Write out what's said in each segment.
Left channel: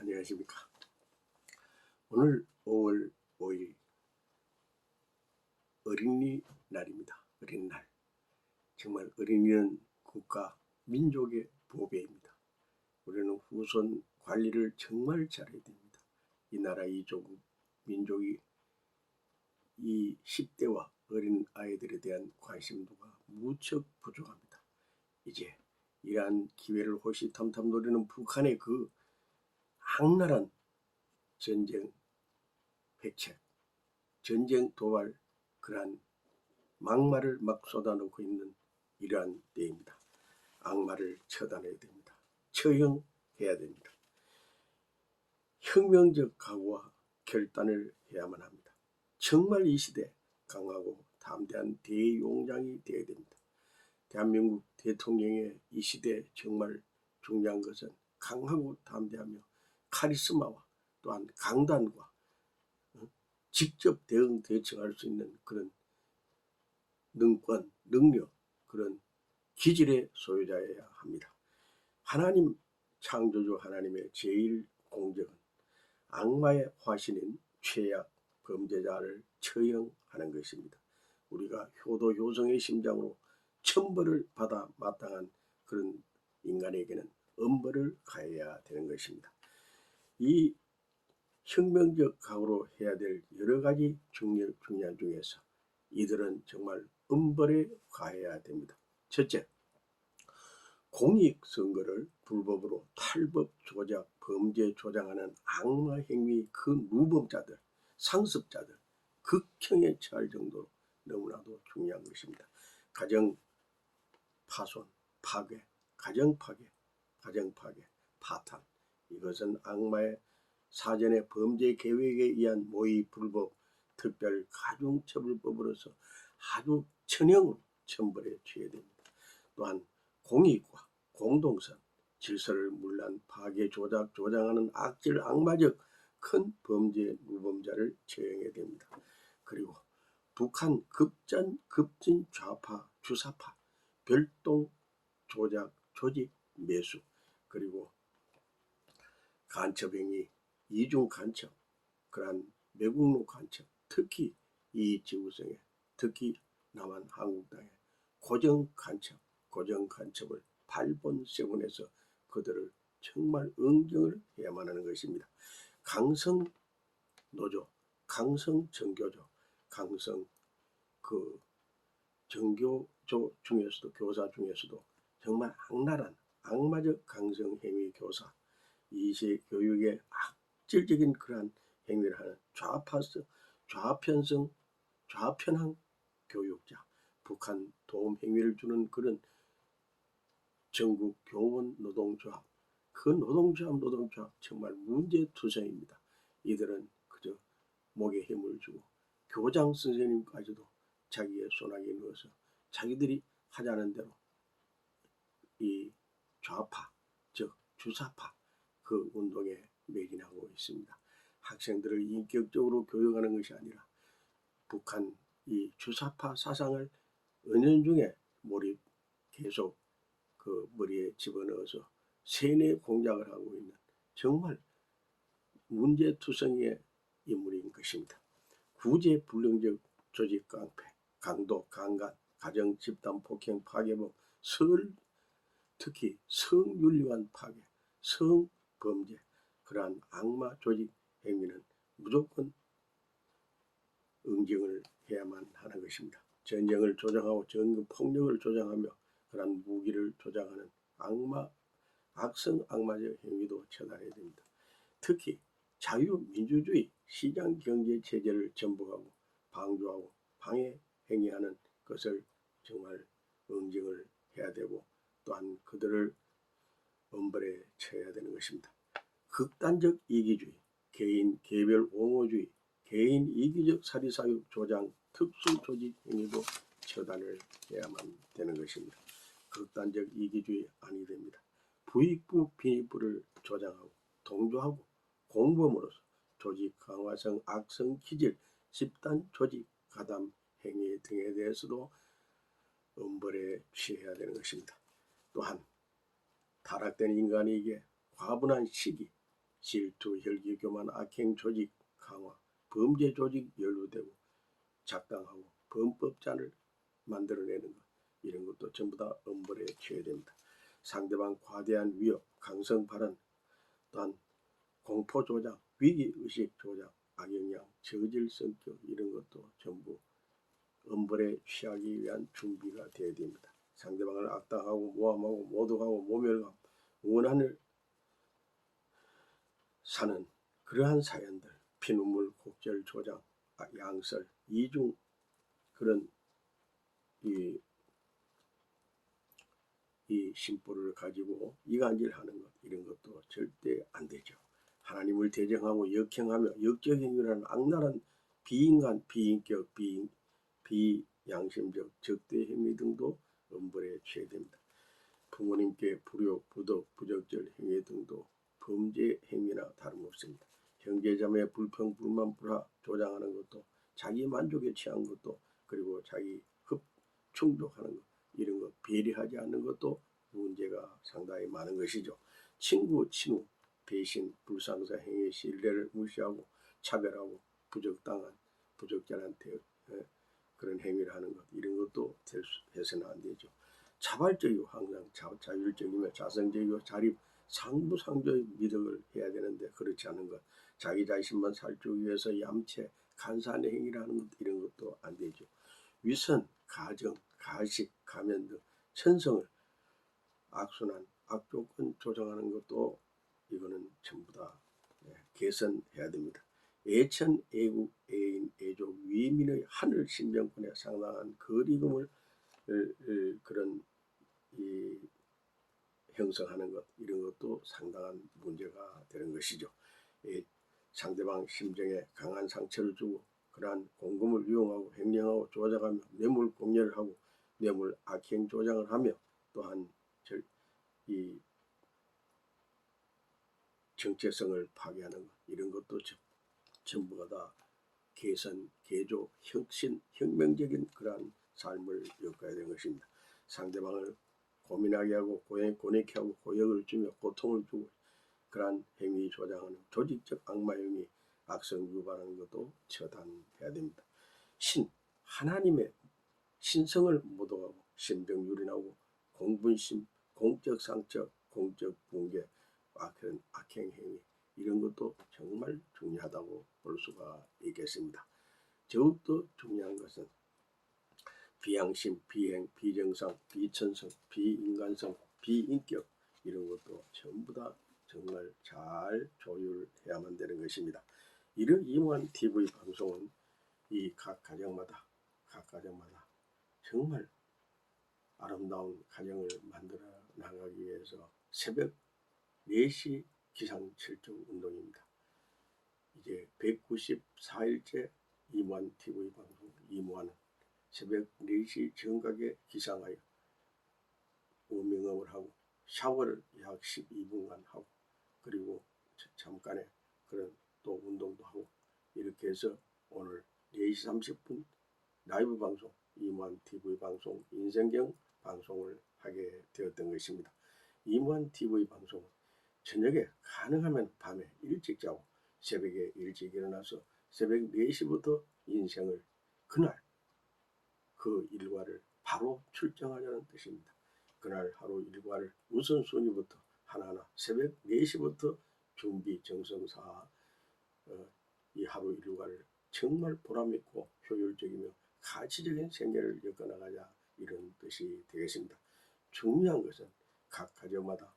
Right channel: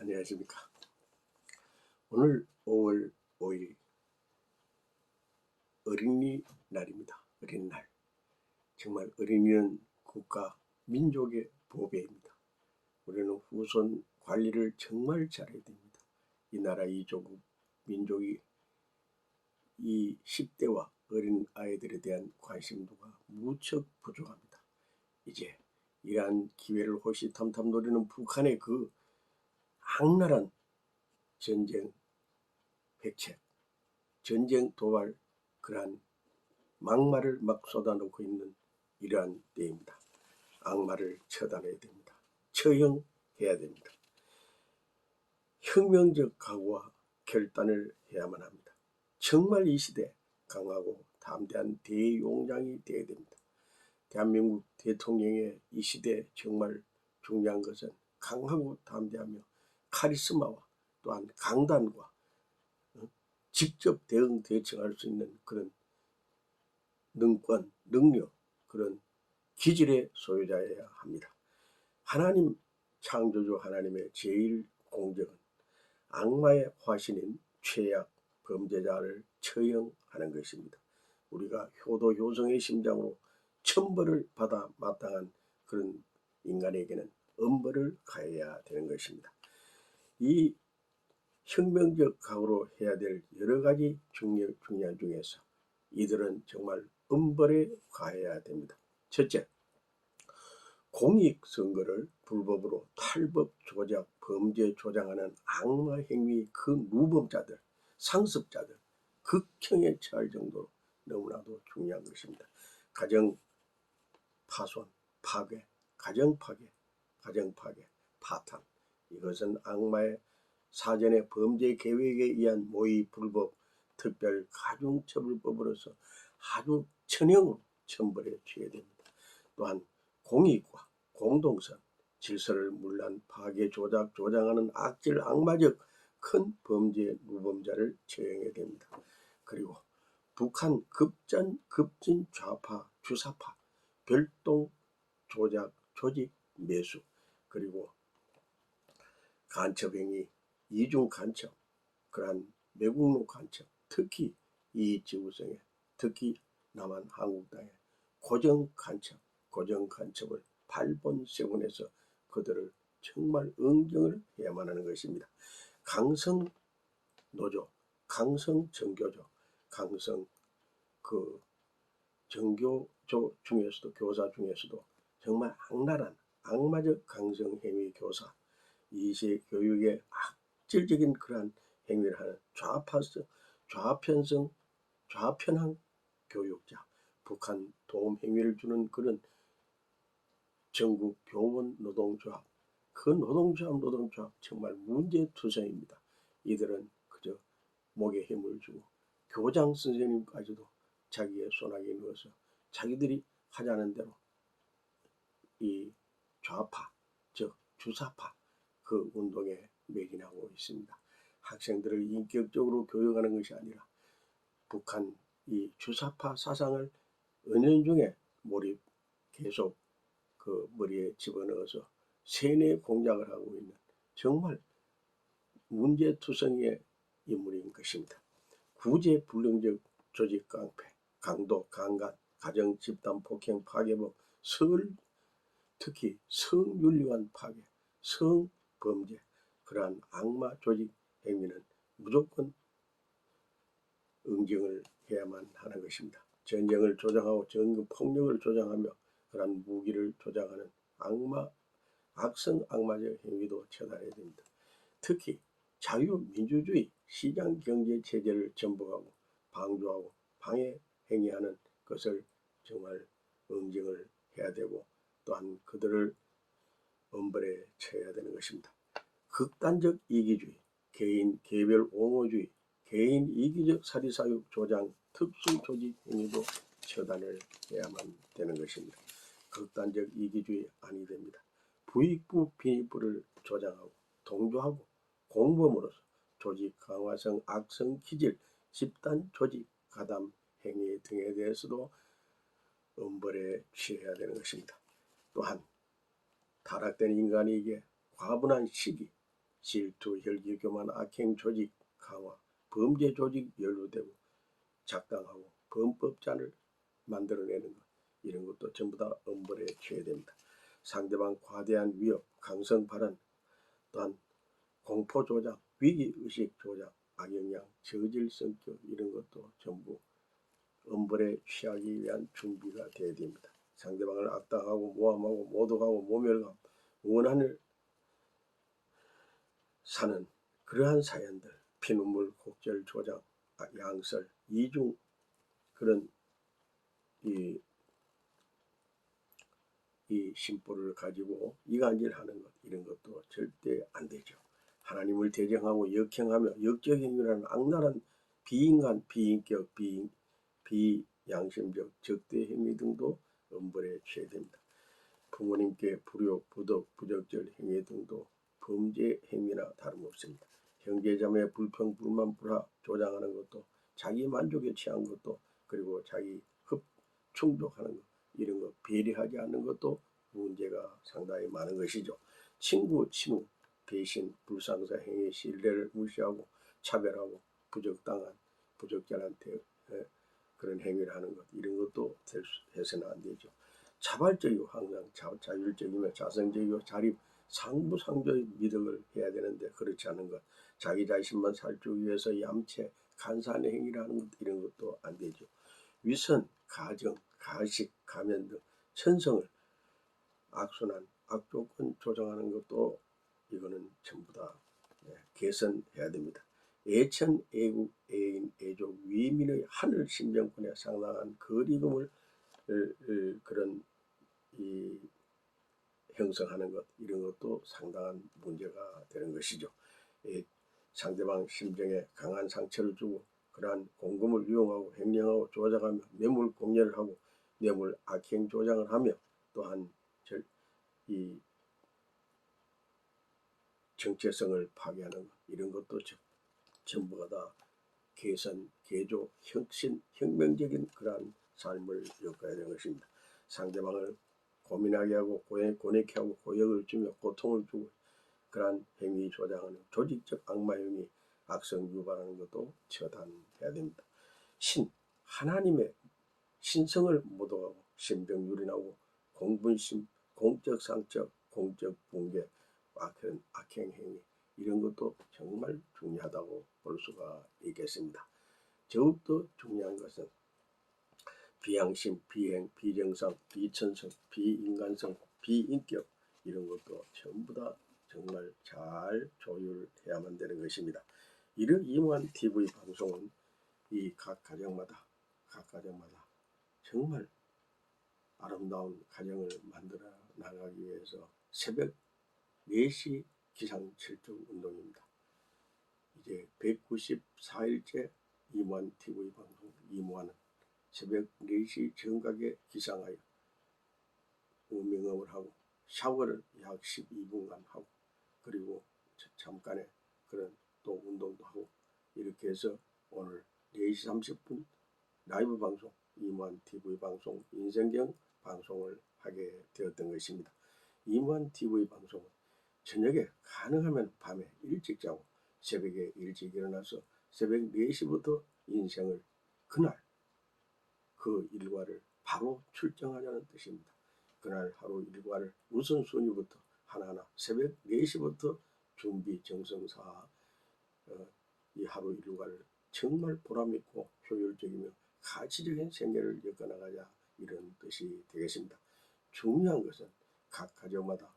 안녕하십니까. 오늘 5월 5일 어린이날입니다. 어린날. 정말 어린이는 국가, 민족의 보배입니다. 우리는 후손 관리를 정말 잘해야 됩니다. 이 나라, 이 조국, 민족이 이 10대와 어린 아이들에 대한 관심도가 무척 부족합니다. 이제 이러한 기회를 호시탐탐 노리는 북한의 그 악랄한 전쟁 백책, 전쟁 도발, 그러한 막말을 막 쏟아놓고 있는 이러한 때입니다. 악말을 처단해야 됩니다. 처형해야 됩니다. 혁명적 각오와 결단을 해야만 합니다. 정말 이 시대 강하고 담대한 대용량이 되어야 됩니다. 대한민국 대통령의 이 시대 정말 중요한 것은 강하고 담대하며 카리스마와 또한 강단과 직접 대응 대처할 수 있는 그런 능권, 능력, 그런 기질의 소유자여야 합니다. 하나님 창조주 하나님의 제일 공적은 악마의 화신인 죄악 범죄자를 처형하는 것입니다. 우리가 효도 효성의 심장으로 천벌을 받아 마땅한 그런 인간에게는 엄벌을 가해야 되는 것입니다. 이 혁명적 각오로 해야 될 여러 가지 중요한 중에서 이들은 정말 엄벌에 가해야 됩니다. 첫째, 공익선거를 불법으로 탈법 조작, 범죄 조장하는 악마 행위 그 무법자들, 상습자들 극형에 처할 정도로 너무나도 중요한 것입니다. 가정 파손, 파괴, 가정 파괴, 파탄, 이것은 악마의 사전의 범죄 계획에 의한 모의 불법 특별 가중처벌법으로서 아주 천형으로 천벌에 취해야 됩니다. 또한 공익과 공동선, 질서를 문란, 파괴, 조장하는 악질, 악마적 큰 범죄 무범자를 처형해야 됩니다. 그리고 북한 급진 좌파, 주사파, 별동 조작, 조직, 매수, 그리고 간첩행위, 이중 간첩, 그러한 매국노 간첩, 특히 이익지구성에, 특히 남한 한국당의 고정 간첩을 발본세군해서 그들을 정말 응징을 해야만 하는 것입니다. 강성 노조, 강성 정교조, 강성 그 정교조 중에서도, 교사 중에서도 정말 악랄한 악마적 강성 행위 교사, 이시 교육의 악질적인 그러한 행위를 하는 좌편향 교육자, 북한 도움 행위를 주는 그런 전국 교원 노동조합, 그 노동조합 정말 문제투성입니다. 이들은 그저 목에 힘을 주고 교장 선생님까지도 자기의 손아귀에 넣어서 자기들이 하자는 대로 이 좌파, 즉 주사파 그 운동에 매진하고 있습니다. 학생들을 인격적으로 교육하는 것이 아니라 북한 이 주사파 사상을 은연중에 몰입 계속 그 머리에 집어넣어서 세뇌 공작을 하고 있는 정말 문제투성이의 인물인 것입니다. 구제불능적 조직 깡패, 강도, 강간, 가정 집단 폭행 파괴범, 특히 성윤리관 파괴, 성범죄, 그러한 악마 조직 행위는 무조건 응징을 해야만 하는 것입니다. 전쟁을 조장하고 폭력을 조장하며 그러한 무기를 조장하는 악성 악마적 행위도 처단해야 됩니다. 특히 자유민주주의 시장경제체제를 전복하고 방조하고 방해 행위하는 것을 정말 응징을 해야 되고, 또한 그들을 엄벌에 처해야 되는 것입니다. 극단적 이기주의, 개인 개별 옹호주의, 개인 이기적 사리사욕 조장, 특수조직 행위도 처단을 해야만 되는 것입니다. 극단적 이기주의 아니 됩니다. 부익부 비익부를 조장하고 동조하고 공범으로서 조직 강화성 악성 기질, 집단 조직 가담 행위 등에 대해서도 엄벌에 취해야 되는 것입니다. 또한 타락된 인간에게 과분한 시기, 질투, 혈기, 교만, 악행, 조직 강화, 범죄 조직 연루되고 작당하고 범법자를 만들어내는 것, 이런 것도 전부 다 엄벌에 취해됩니다. 상대방 과대한 위협, 강성 발언, 또한 공포 조작, 위기의식 조작, 악영향, 저질 성격, 이런 것도 전부 엄벌에 취하기 위한 준비가 되어야 됩니다. 상대방을 악당하고 모함하고 모독하고 모멸하고 원한을 사는 그러한 사연들, 피눈물, 곡절, 조작, 양설, 이중 그런 이 심보를 가지고 이간질하는 것, 이런 것도 절대 안 되죠. 하나님을 대적하고 역행하며 역적행위라는 악랄한 비인간, 비인격, 비양심적 적대 행위 등도 엄벌에 취해됩니다. 부모님께 불효, 부덕, 부적절 행위 등도 범죄 행위나 다름없습니다. 형제자매 불평, 불만, 불화 조장하는 것도, 자기 만족에 취한 것도, 그리고 자기 충족하는 것, 이런 것 배려하지 않는 것도 문제가 상당히 많은 것이죠. 친구, 친우, 배신, 불상사 행위, 신뢰를 무시하고 차별하고 부적당한 부적절한테 그런 행위를 하는 것, 이런 것도 해서는 안 되죠. 자발적이고 항상 자율적이며 자성적이고 자립, 상부상조의 미덕을 해야 되는데 그렇지 않은 것, 자기 자신만 살기 위해서 얌체, 간사한 행위를 하는 것, 이런 것도 안 되죠. 위선, 가정, 가식, 가면 등 천성을 악순환, 악조건 조장하는 것도 이거는 전부 다 개선해야 됩니다. 애천, 애국, 애인, 애족, 위민의 하늘 신병권에 상당한 거리감을 그런 형성하는 것, 이런 것도 상당한 문제가 되는 것이죠. 상대방 심정에 강한 상처를 주고 그러한 공금을 이용하고 횡령하고 조작하며 뇌물 공여를 하고 뇌물 악행 조장을 하며 또한 이 정체성을 파괴하는 것, 이런 것도 전부가 다 개선, 개조, 혁신, 혁명적인 그러한 삶을 엮어야 되는 것입니다. 상대방을 고민하게 하고 고뇌케 하고 고역을 주며 고통을 주고 그러한 행위 조장하는 조직적 악마 행위, 악성 유발하는 것도 처단해야 됩니다. 하나님의 신성을 모독하고 신병 유린하고 공분심, 공적 상처, 공적 붕괴, 그런 악행 행위, 이런 것도 정말 중요하다고 볼 수가 있겠습니다. 더욱더 중요한 것은 비양심, 비행, 비정상, 비천성, 비인간성, 비인격, 이런 것도 전부 다 정말 잘 조율해야만 되는 것입니다. 이런 이무한 TV 방송은 이 각 가정마다 정말 아름다운 가정을 만들어 나가기 위해서 새벽 4시 기상칠정 운동입니다. 이제 194일째 이무한 TV 방송 이무한은 새벽 4시 정각에 기상하여 우명업을 하고 샤워를 약 12분간 하고 그리고 잠깐의 그런 또 운동도 하고 이렇게 해서 오늘 4시 30분 라이브 방송 이무한 TV 방송 인생경 방송을 하게 되었던 것입니다. 이무한 TV 방송은 저녁에 가능하면 밤에 일찍 자고 새벽에 일찍 일어나서 새벽 4시부터 인생을 그날 그 일과를 바로 출정하자는 뜻입니다. 그날 하루 일과를 우선순위부터 하나하나 새벽 4시부터 준비 정성사 이 하루 일과를 정말 보람있고 효율적이며 가치적인 생계를 엮어나가자, 이런 뜻이 되겠습니다. 중요한 것은 각 가정마다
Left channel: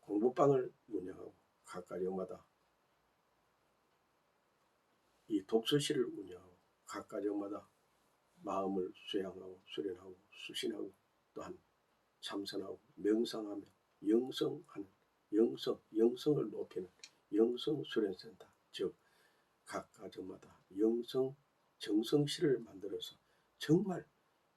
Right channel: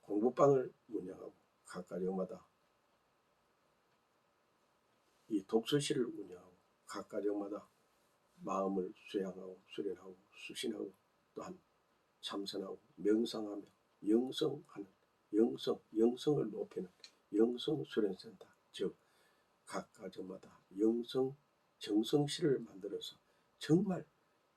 공부방을 운영하고 각 가정마다 이 독서실을 운영하고 각 가정마다 마음을 수양하고 수련하고 수신하고 또한 참선하고 명상하며 영성하는 영성을 높이는 영성수련센터, 즉 각 가정마다 영성 정성실을 만들어서 정말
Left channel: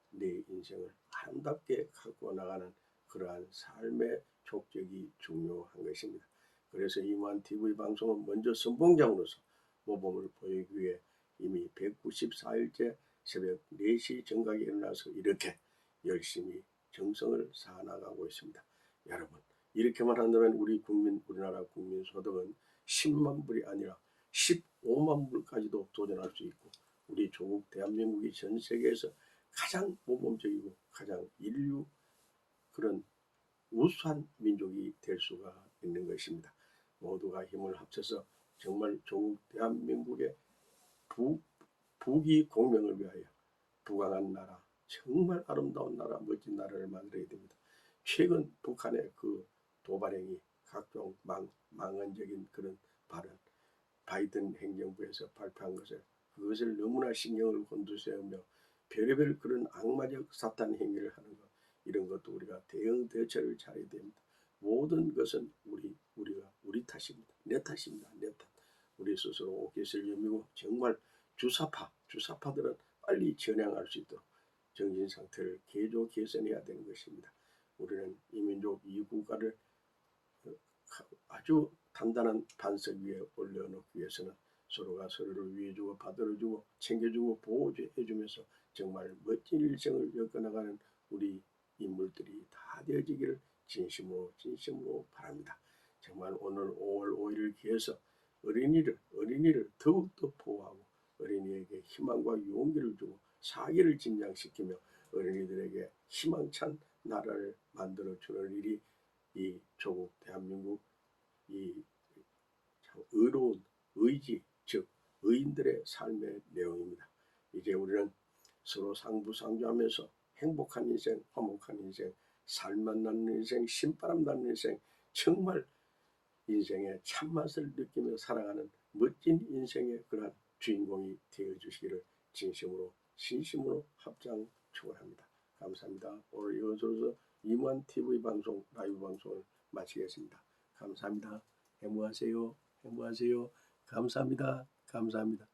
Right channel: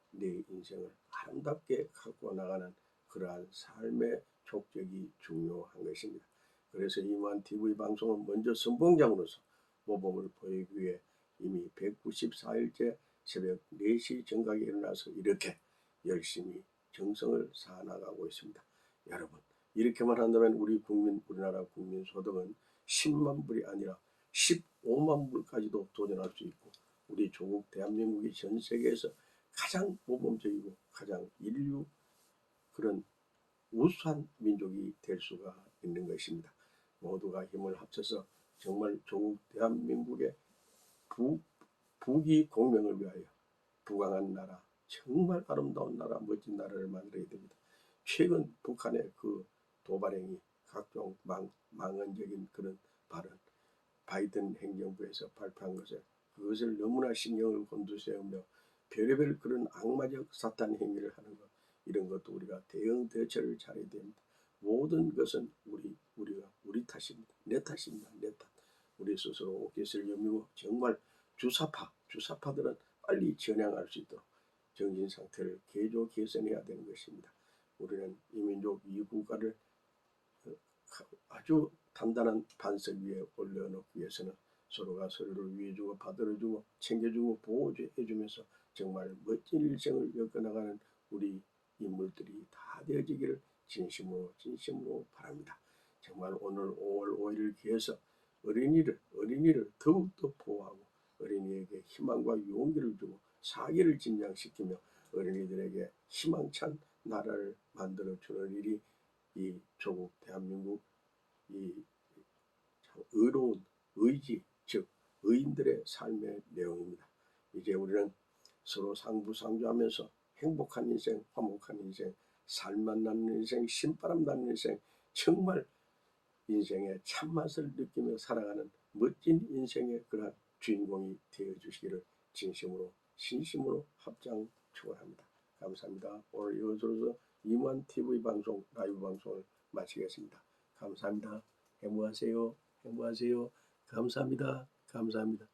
내 인생을 아름답게 갖고 나가는 그러한 삶의 족적이 중요한 것입니다. 그래서 이무한 TV 방송은 먼저 선봉장으로서 모범을 보이기 위해 이미 194일째 새벽 4시 정각에 일어나서 이렇게 열심히 정성을 쌓아나가고 있습니다. 여러분, 이렇게만 한다면 우리나라 국민 소득은 10만 불이 아니라 15만 불까지도 도전할 수 있고, 우리 조국 대한민국이 전 세계에서 가장 모범적이고 가장 인류 그런 우수한 민족이 될 수가 있는 것입니다. 모두가 힘을 합쳐서 정말 조국 대한민국의 부귀 공명을 위하여 부강한 나라, 정말 아름다운 나라, 멋진 나라를 만들어야 됩니다. 최근 북한의 그 도발행위, 각종 망언적인 그런 발언, 바이든 행정부에서 발표한 그것을 너무나 신경을 곤두세우며 별의별 그런 악마적 사탄 행위를 하는 것, 이런 것도 우리가 대응 대처를 잘해야 됩니다. 모든 것은 우리 탓입니다. 내 탓입니다. 내 탓. 우리 스스로 옷깃을 여미고 정말 주사파들은 빨리 전향할 수 있도록 정신 상태를 개선해야 되는 것입니다. 우리는 이민족 이 국가를 아주 단단한 반석 위에 올려놓기 위해서는 서로가 서로를 위해주고 받들어주고 챙겨주고 보호해주면서 정말 멋진 일생을 엮어나가는 우리 인물들이 다 되어지기를 진심으로 바랍니다. 정말 오늘 5월 5일을 기해서 어린이를 더욱더 보호하고 어린이에게 희망과 용기를 주고 사기를 진장시키며 어린이들에게 희망찬 나라를 만들어주는 일이 이 조국 대한민국 이 의로운 의지, 즉 의인들의 삶의 내용입니다. 이제 우리는 서로 상부상조하면서 행복한 인생, 화목한 인생, 살맛 나는 인생, 신바람 나는 인생, 정말 인생의 참맛을 느끼며 살아가는 멋진 인생의 그러한 주인공이 되어주시기를 진심으로 합장 축원합니다. 감사합니다. 오늘 이것으로서 이무한TV 방송, 라이브 방송을 마치겠습니다. 감사합니다. 행복하세요. 감사합니다.